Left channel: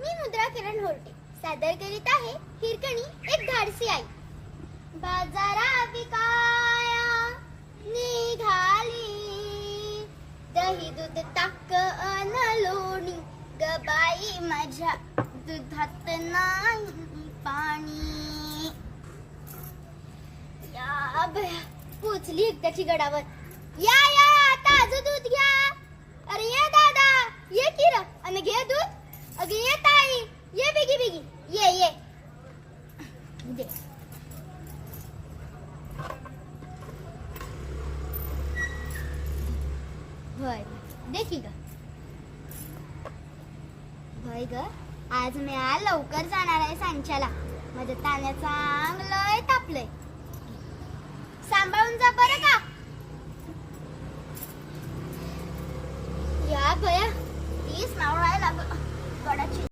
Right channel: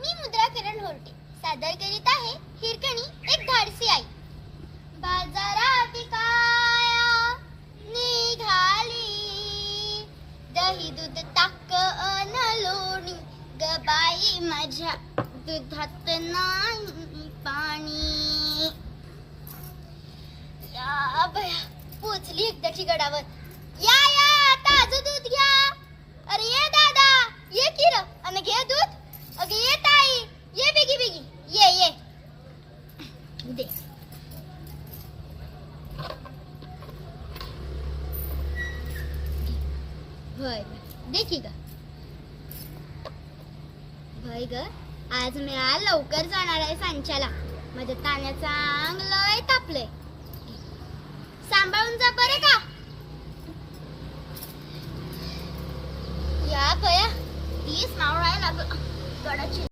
मी मुद्रा किरण होर्टे सादर करीत आहे हिरकणी एक धाडसी आई. बाजारा विकाया निघाली, दही दूध ताक अन लोणी, गबाई माझ्या दुधात नाही पाणी. या बया पोचली एकदाची गडावर. या या ताजं दूध घ्या. अरे ये दादा ये की र आणि घे दूध. अगे ये ताई ये बेगी बेगी ये ये दे. होय देखी ग होय ग आज मी लवकर जाणार आहे सांच्याला. माझ्या ताण्याचा अंग लय तापलंय. सांभाळून जा बरं का. या बया तीच नाव राहायला लागलं गडाची.